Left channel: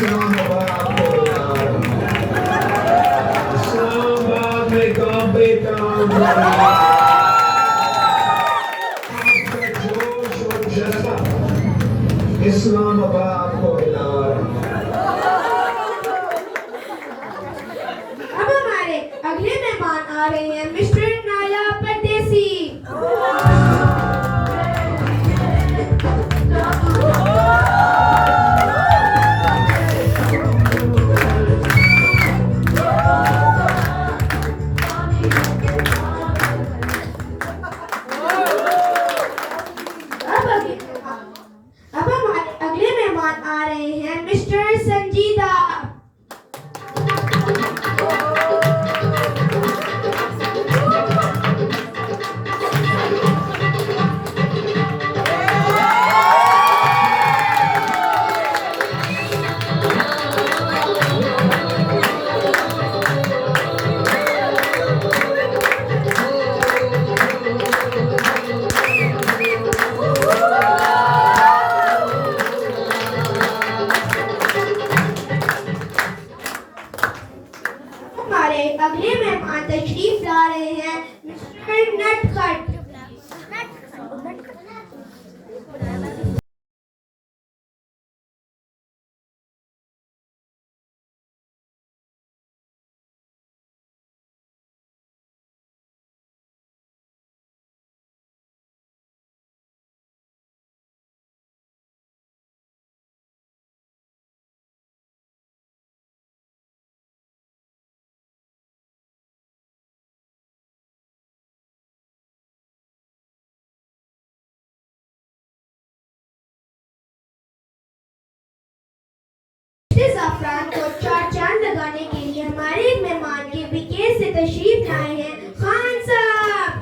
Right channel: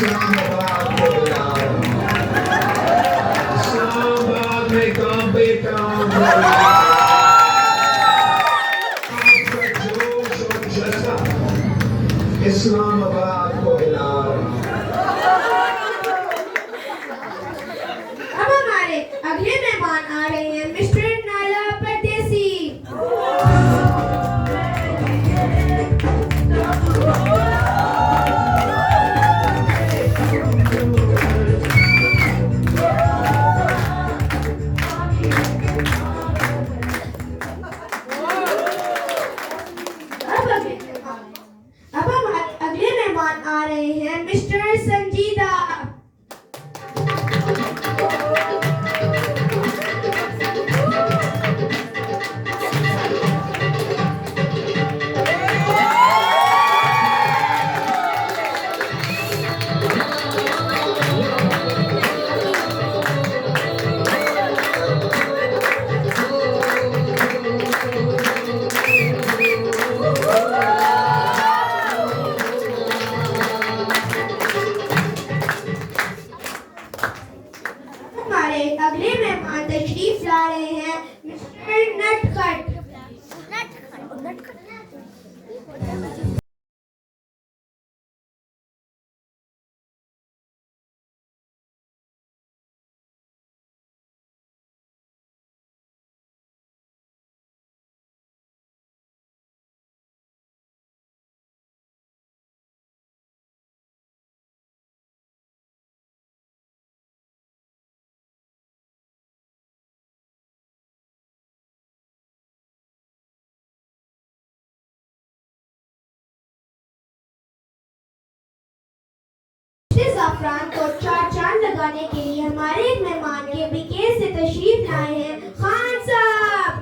Islamábad को यार, इस्लामाबाद में कांपे कांपे आपका जोश और जज्बा, इस्लामाबाद को यार। अब हमारे अगले मेहमान आ रहे हैं मिस्टर नाला परदेसी। अब हमारे अगले मेहमान आ रहे हैं मिस्टर संजीदा। हमारे अगले मेहमान तशरीफ ला रहे हैं मिस्टर नटखट। ज़ाफ़रान को चार चांद लगाने के लिए हमारे एक मेहमान के विकेट से तशरीफ लाए हैं खान साहब।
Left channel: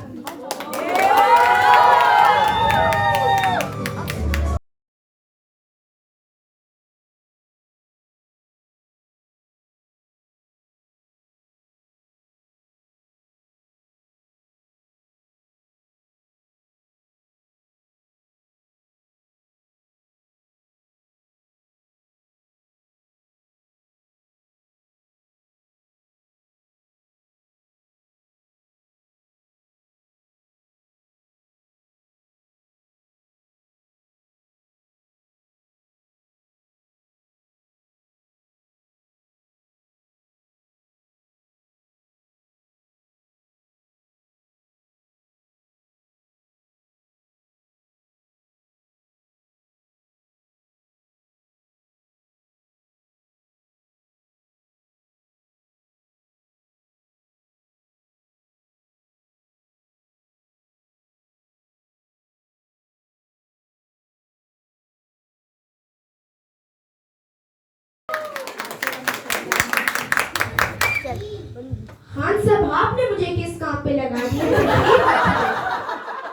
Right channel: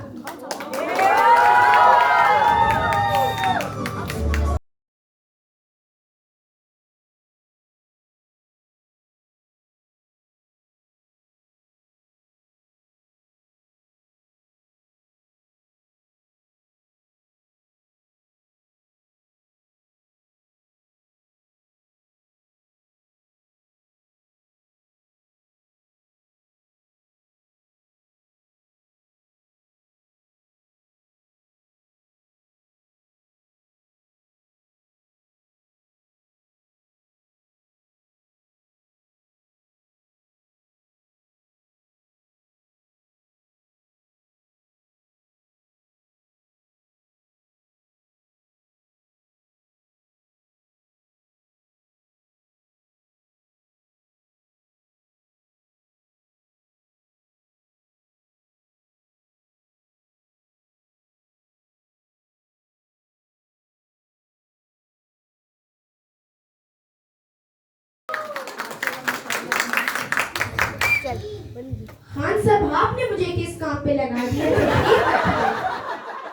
खान साहब आपने मुझे किस काम पे लगा दिया?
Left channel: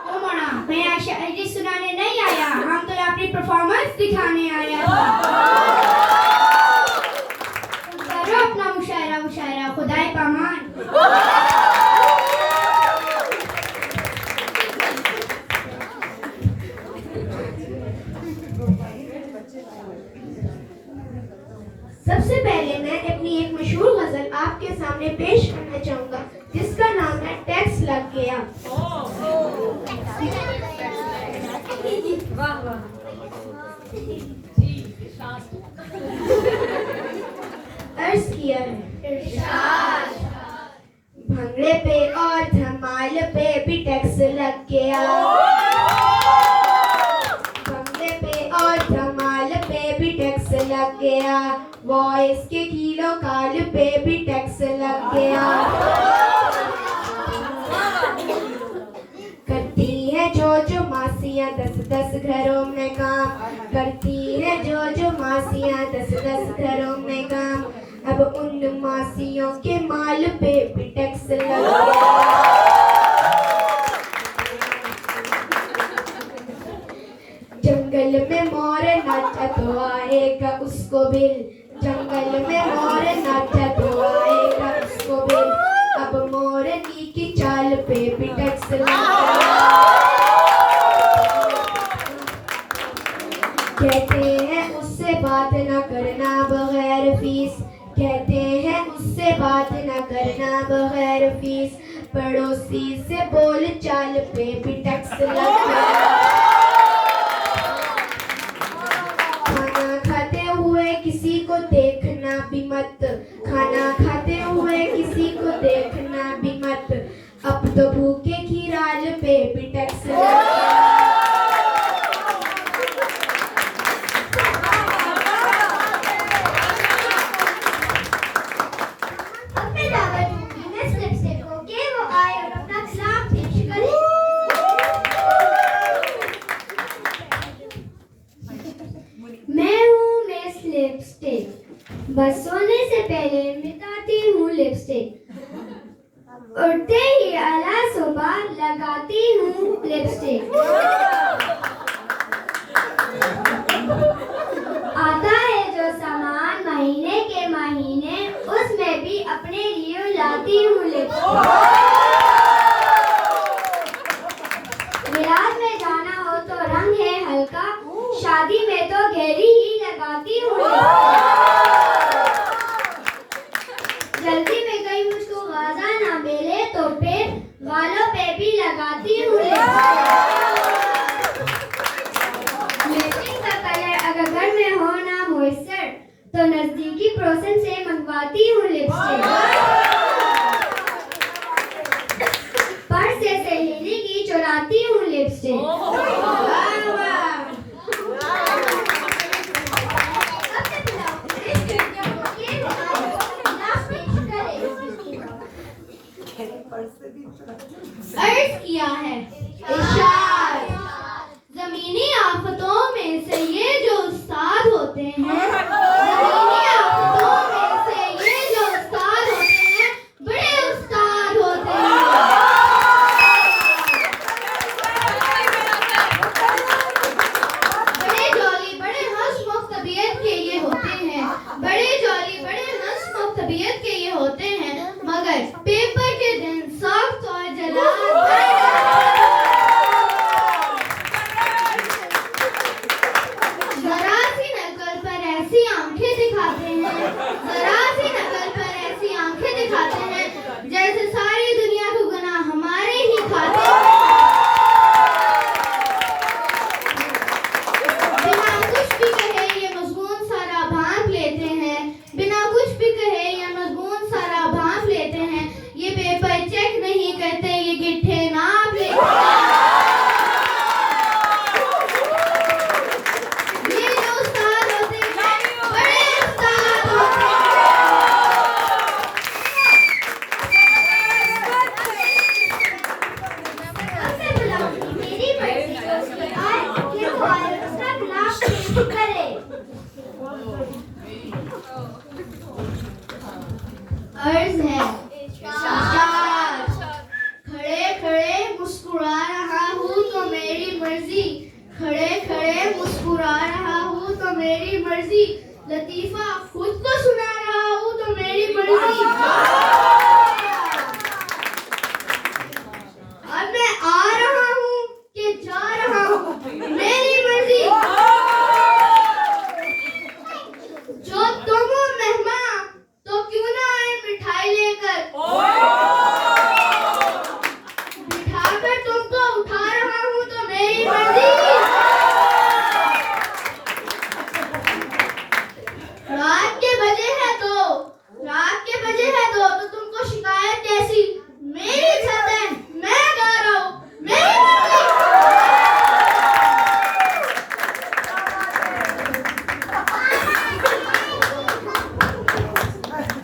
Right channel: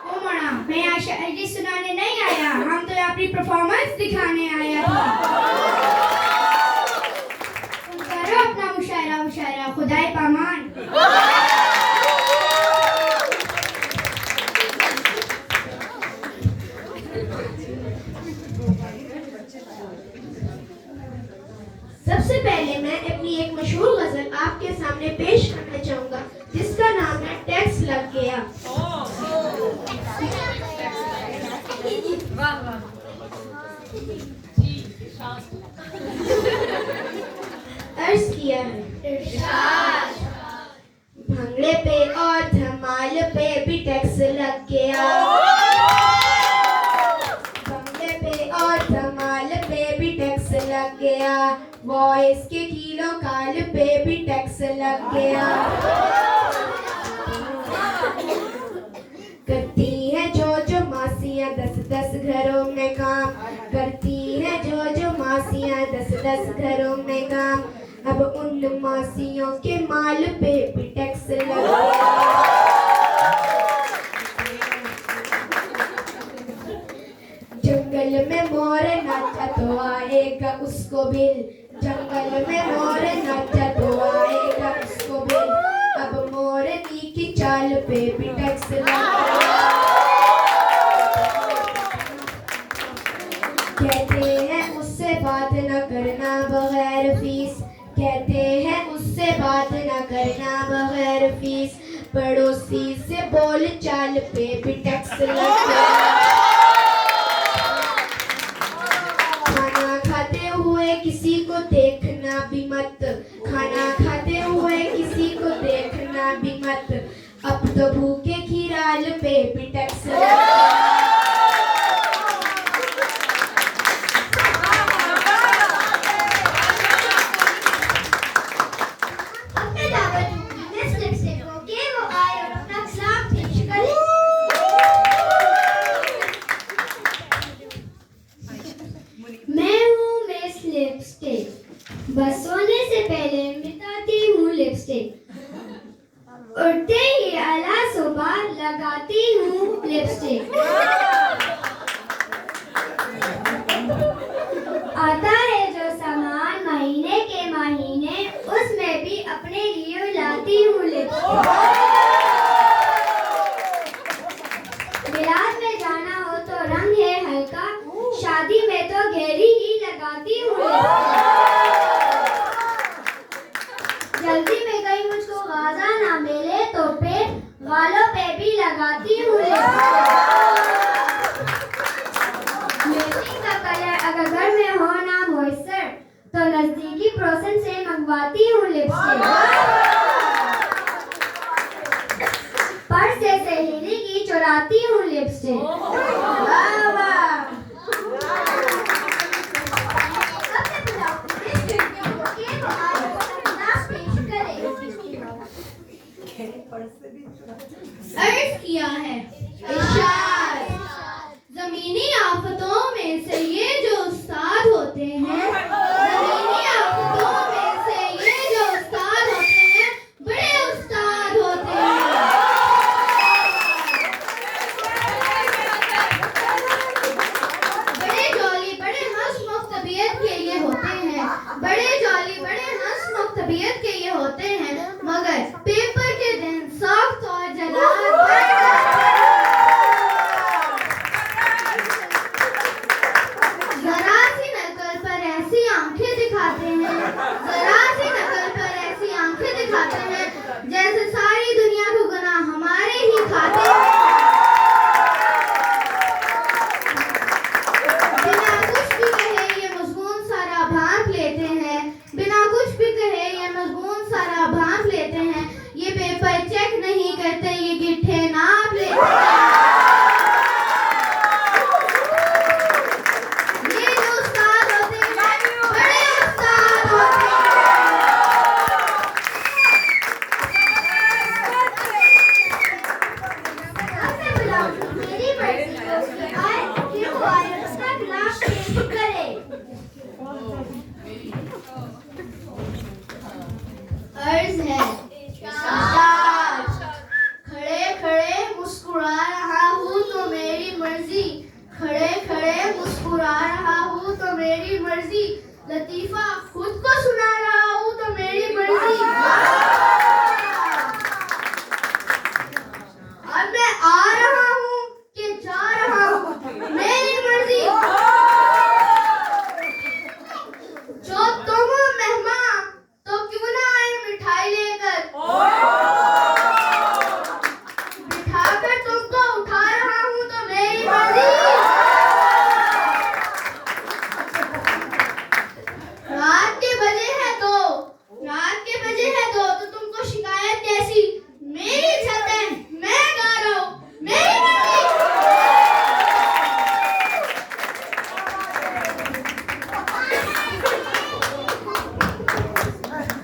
ओ मोना, मैं यहाँ शायरी सुनाने नहीं आया, हम तो अपनी परफॉर्मेंस दिखाने आया था। तुम करो अपना मुशायरा मुशायरा, खुदाई पामान। सबसे पहले मैं अपनी एक मशहूर गजल आपके सामने पेश करना चाहूंगा जिसका नाम है टैक्स लग गया। अर्ज किया है भंगड़े पे और धमाल पे भी टैक्स लग गया। भंगड़े पे और धमाल पे भी टैक्स लग गया। वॉइस के किलो काल पे भी टैक्स लग गया। करती है जो मासियां 10-10 घरों में काम, करती है जो मासियां 10-10 घरों में काम। अब उन मासियों के माल पे भी टैक्स लग गया। जंगल में मोर नाचा तो आएगा उसको बिल, जंगल में मोर नाचा तो आएगा उसको बिल। अब मोरनी की चाल पे भी टैक्स लग गया। कहते हैं उससे बात न करना बगैर कहते हैं उससे बात न करना बगैर फीस, पड़ोसी से बोल चाल पे भी टैक्स लगता। खाना खाते हुए किसी को देखना भी मत, खाना खाते हुए किसी को देखना भी मत, अब तो भूखे खीराल पे भी टैक्स लगता। बस सोने से पहले मिटाती हूँ लिपस्टिक, उठते ही आला सुबह लगाती हूँ लिपस्टिक। आता है जो सामान महीने के महीने, उसमें भी अपने लिए लाती हूँ लिपस्टिक। बिलाज में जाना हो तो रंग है हल्का, शादी में तो गहरी ही लगाती हूँ लिपस्टिक। जल्दी में कहीं मुझको गाजा ना मिले तो फिर गालों पे भी लगाती हूँ लिपस्टिक का कलर अगर घर में हो ना मॉइस्चर तो नजदीकी प्रोसेस से मंगवाती हूँ लिपस्टिक। पर्स से सहेली की चुराती हूँ लिपस्टिक। अर्ज किया है इरशाद, जमीनी आफतों में से ये जो उस्ताद होते हैं, जमीनी आफतों में से ये जो उस्ताद होते हैं, बड़े उस्ताद होते हैं। बड़े जॉली बड़े हंसमुख तबीयत के ये होते हैं, बड़े जॉली बड़े हंसमुख तबीयत के ये होते हैं, मगर पेपर के दिन सख्त और जरा सी नकल पर ऐसी आंखें दिखाते हैं, जरा सी नकल पर ऐसी आंखें दिखाते हैं, जैसे सारी दुनिया को गुनाह हमारे ही खाते हैं। बिना कुछ भी कहे ये मजमून सारा भांप लेते हैं, बिना कुछ भी कहे ये मजमून सारा भांप लेते हैं, ये पेपर चेक नहीं करते, ये गिट्ठे नाप लेते हैं। ये जो उस्ताद होते हैं, बड़े उस्ताद होते हैं। अब मैं बुलाऊंगी मेरी मर्जी को उसकी आए कि वो आए और उसका गिलास टेस्ट करे। अर्ज है खड़े खड़े मुस्कुरा रहा हूँ तो मेरी मर्जी, खड़े खड़े मुस्कुरा रहा हूँ तो मेरी मर्जी, लतीफा खुद को सुना रहा हूँ तो मेरी मर्जी। अब मैं आ रहा हूँ कि जा रहा हूँ, मेरी मर्जी। जो तुम मेहमान तो क्यों ना आए मिठाई लेकर, बिठाकर तुमको उठा रहा हूँ तो मेरी मर्जी। रात के बजे है तो तुमको शिकायत कैसी, मेरी छत है मैं गा रहा हूँ, मेरी मर्जी।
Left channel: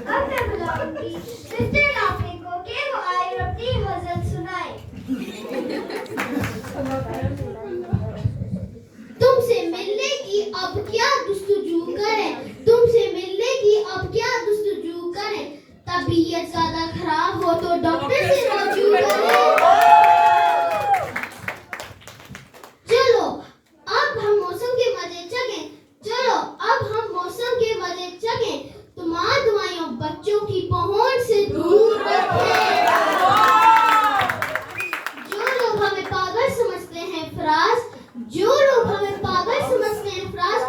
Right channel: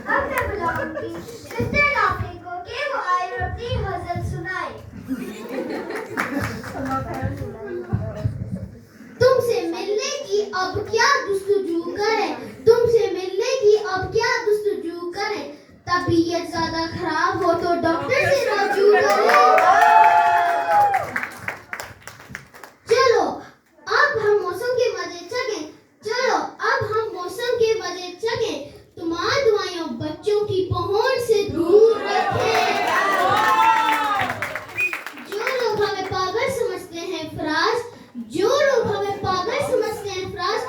अब मैं बुलाऊंगी सिस्टर लाफिंग को कि वो आए और अपनी गजल सुनाए। तुमसे मिलने की अब क्या जुस्तजू करें, तुमसे मिलने की अब क्या जुस्तजू करें, तबीयत ज्यादा खराब हो तो डॉक्टर से रजू करें। चलो अब हम मौसम के मजे चखें, चलो अब हम मौसम के मजे चखें, तुम्हारी दुआएं बच्चों की पहुंच से दूर रखें। जो लोग हमें पागल समझते हैं फराज, जो लोग हमें पागल समझते हैं फराज,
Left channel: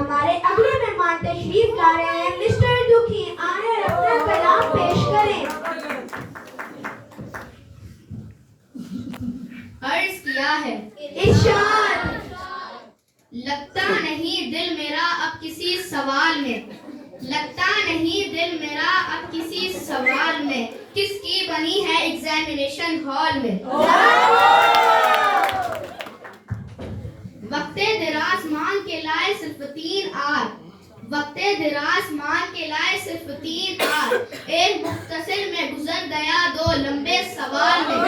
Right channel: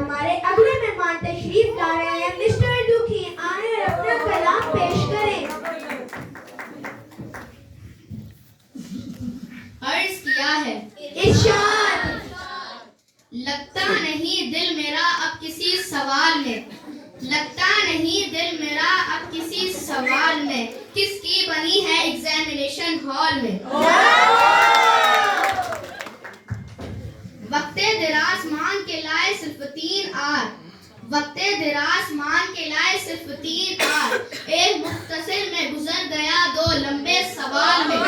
हमारे अगले मेहमान तशरीफ ला रहे हैं मिस्टर दुखी, आए अपना कलाम पेश करें। अर्ज किया है। इरशाद। लगता नहीं दिल मेरा अब किसी सवाल में, लगता नहीं दिल मेरा अब किसी सवाल में, किसकी बनी है एग्जामिनेशन हॉल में। वक्ते दराज मांग के लाए सिर्फ 3 आर, वक्ते दराज मांग के लाए सिर्फ 3 आर, एक मुख्तसर में गुजर गया 2 लंबे सवाल में।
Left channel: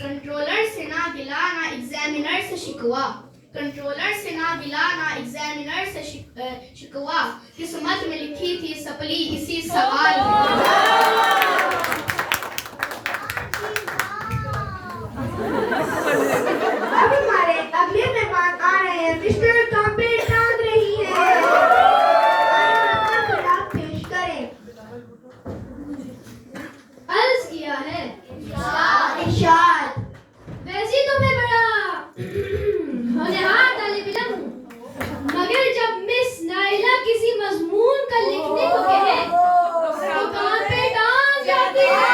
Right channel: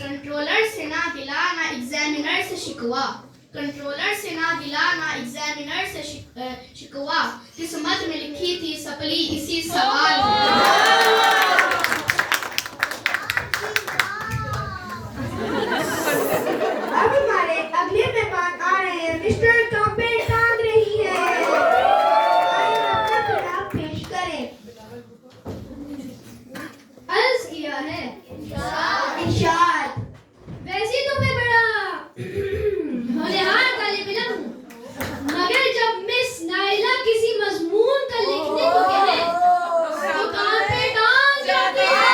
कंट्रोलर से ना गिला ना एग्जामिनर से शिकवा, कंट्रोलर से ना गिला ना एग्जामिनर से शिकवा, किस्मत में लिखी थी सपली इसी सवाल में। अब हमारे अगले मेहमान आ रहे हैं मिस्टर कांपे टांग रही है, आए अपना कलाम पेश करें। अर्ज किया है। इरशाद। वैसे तो मैं बड़ा होनहार तालिब इल्म हूँ, मगर जब मिस नाइला किसी मजमून का लिखने को कहे तो कान पे टांग जाती है।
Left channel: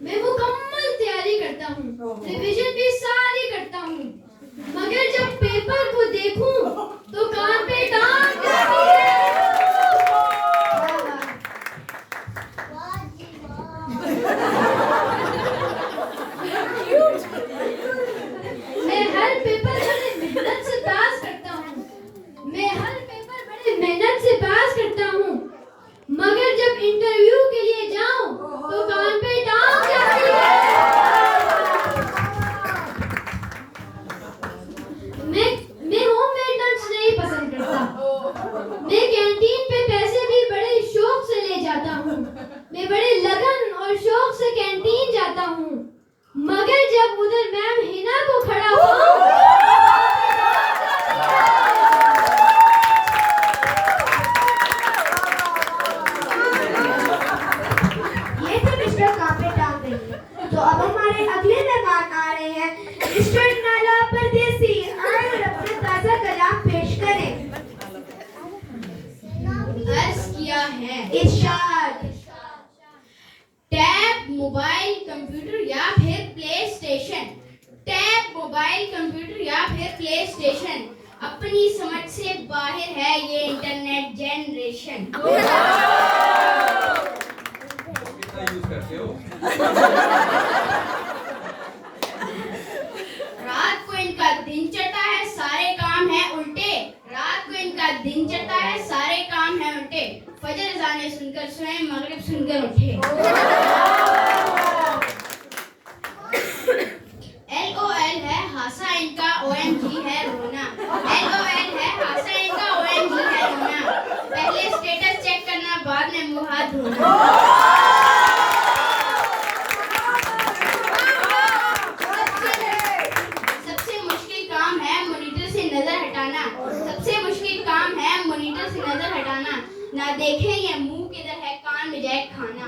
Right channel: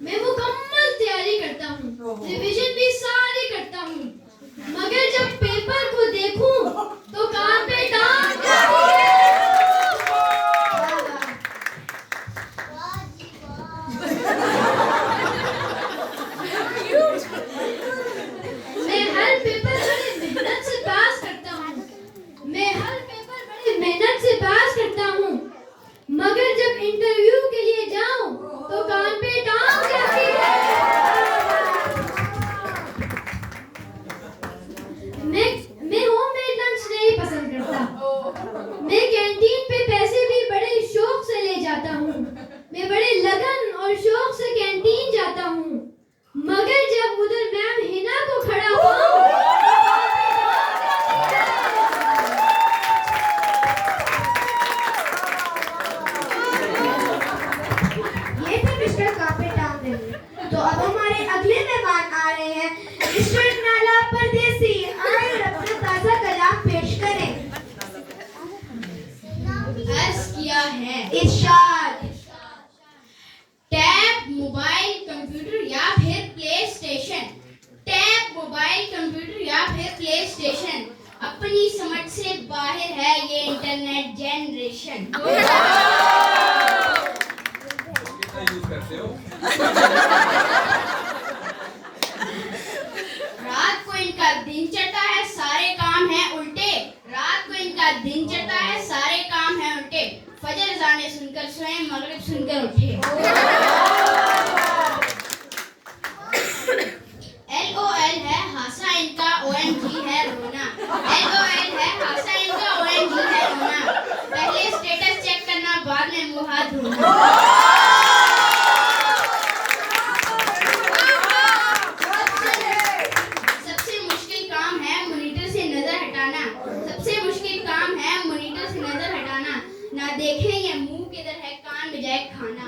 मैं मुकम्मल तैयारी करता हूँ, रिवीजन भी सारी करता हूँ, मगर जब पेपर को देखूं तो कान पे टांग जाती है। मैं हर पेपर बड़े मेहनत से पास करता हूँ, मैं हर पेपर बड़े मेहनत से पास करता हूँ, मगर जब इंटरव्यू के लिए जाऊं तो कान पे टांग जाती है। मैं होममेड लंच नहीं पसंद करता, मैं कैंटीन पे पैसे भी बड़े शौक से ले जाता हूँ, मैं बड़े लगन और शौक से कैंटीन जाता हूँ, मगर जब उधर मैम हिना को खड़ा पाऊं ये थे मिस्टर कांपे टांग रही है। तो अब हमारे अगले मेहमान आ रहे हैं मिस्टर नाला परदेसी, आए अपना ताजा कलाम पेश करें। अर्ज किया है। इरशाद। टैब मोबाइल कंप्यूटर या फिर play station, tab mobile computer या फिर प्ले स्टेशन, अपनी समझ से बाहर है ये इंटरनेट जनरेशन। यूज करते हो? रात को इनका दिन चढ़ता है सारे काम है उल्टे, रात को इनका दिन चढ़ता है सारे काम है उल्टे, फजर जाने सुनकर स्वयं मगरिब सुनकर उठे। LOL है हासा इनका OMG है रोना, LOL है हासा इनका OMG है रोना, पहले स्टेटस चेक करना बाद में मुंह हाथ धोना। सबसे मुश्किल काम है मॉनिटर से नजर हटाना, सबसे मुश्किल काम है मॉनिटर से नजर हटाना, ना देखें ये मुंह किधर है कान में जाए खाना।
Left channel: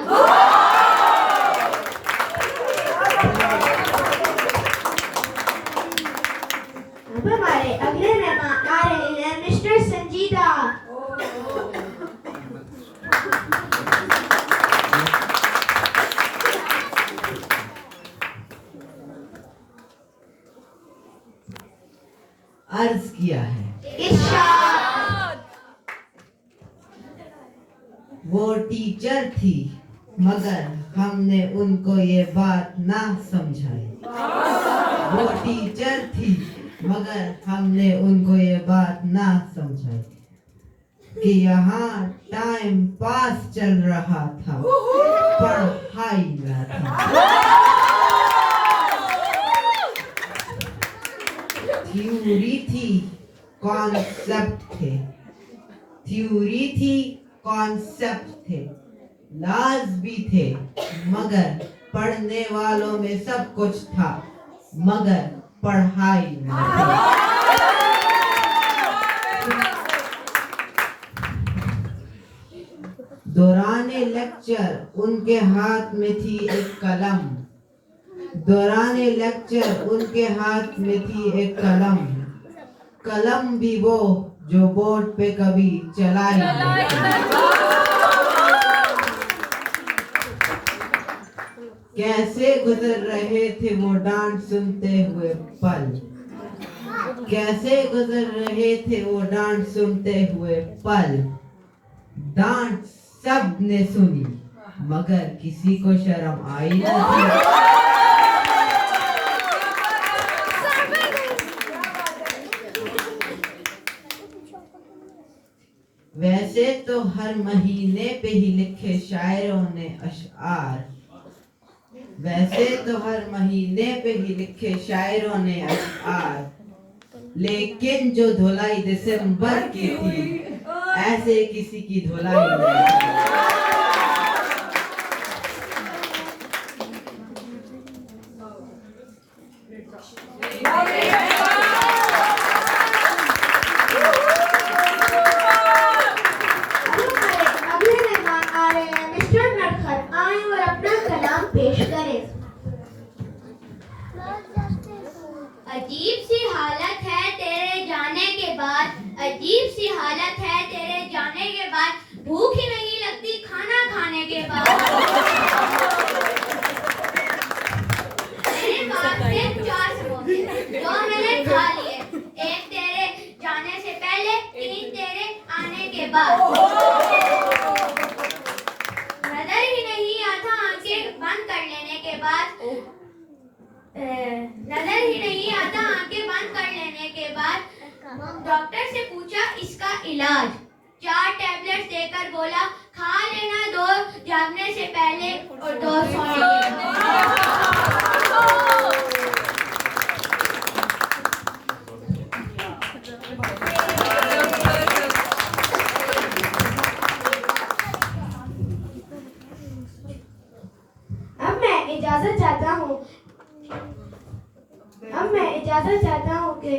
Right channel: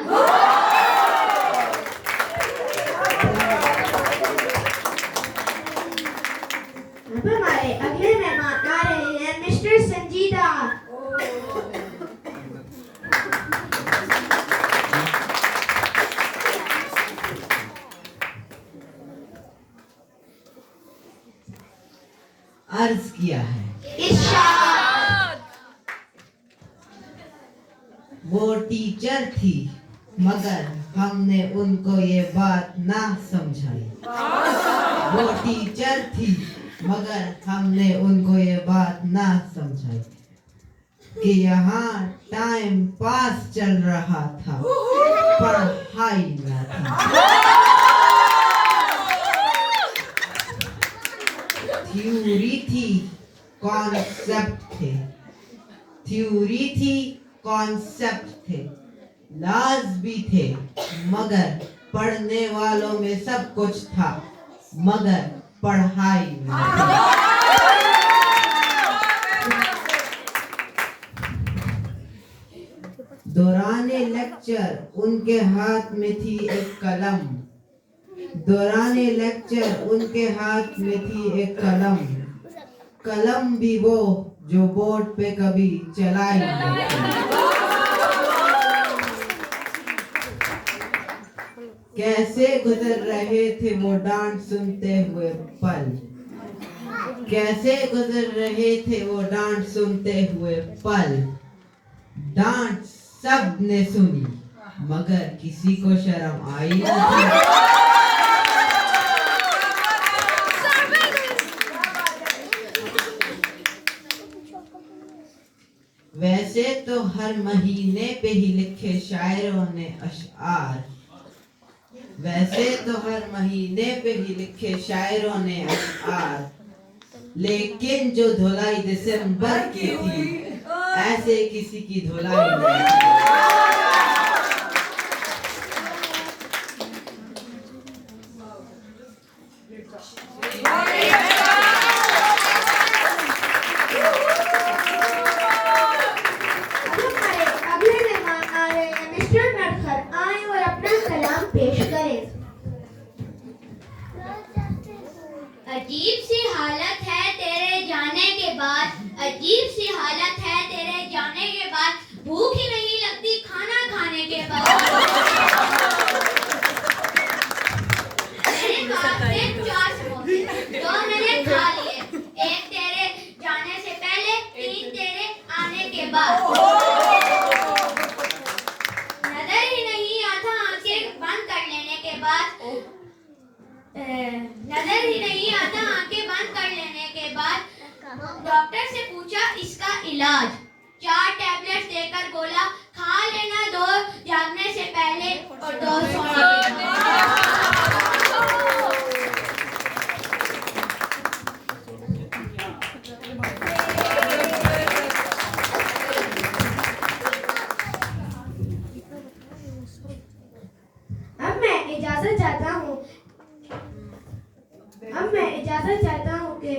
अब हमारे अगले मेहमान आ रहे हैं मिस्टर संजीदा। अर्ज किया है। इरशाद। वो टीचर थी मगर हमने उनको ये बात ना समझाई, वो टीचर थी मगर हमने उनको ये बात ना समझाई कि यहाँ टाइम पास चल रहा था, पढ़ाई ना थी। थ्योरी थी कॉन्सेप्ट थे, थ्योरी थी कॉन्सेप्ट थे, लाज भी थे मगर पढ़ने वालों में सब कुछ था, मगर पढ़ाई ना थी। लेक्चर उनके हाथ में थी एक कलम। दौराने लेक्चर उनके हाथ में थी एक कलम। कलम भी वो जो बोर्ड पे कभी चलाई नहीं। कैसे गुजर रहे थे वो डांट सुनते हुए पल। कैसे गुजर रहे थे वो डांट सुनते हुए पल। डांट सब ने सुनी मगर किसी को शर्म आई नहीं। वैसे तो हर महीने पे ही लिखे शायरों ने अशआर। वैसे तो हर महीने पे ही लिखे शायरों ने अशआर। लेकिन जो धुलाई दिसंबर की थी ऐसे किसी की धुलाई नहीं। अगले मेहमान आ रहे हैं मिस्टर नटखट। आए और अपना कलाम पेश करें। अजीब सी हालत है तेरे जाने के बाद, अजीब सी हालत है तेरे जाने के बाद, भूख ही नहीं लगती खाना खाने के बाद। मेरे पास में 4 समोसे, 2 मैंने खा लिए, 1 तेरे जाने से पहले, 3 तेरे आने के बाद। नजर ही नहीं आता आंखें बंद कर लेने के बाद, नजर ही नहीं आता आंखें बंद कर लेने के बाद। डॉक्टर से पूछा इसका इलाज, 4 टैबलेट्स देकर बोला खा लेना 2 जागने से पहले और 2 सोने के बाद। अब मैं इजाजत चाहता हूँ कि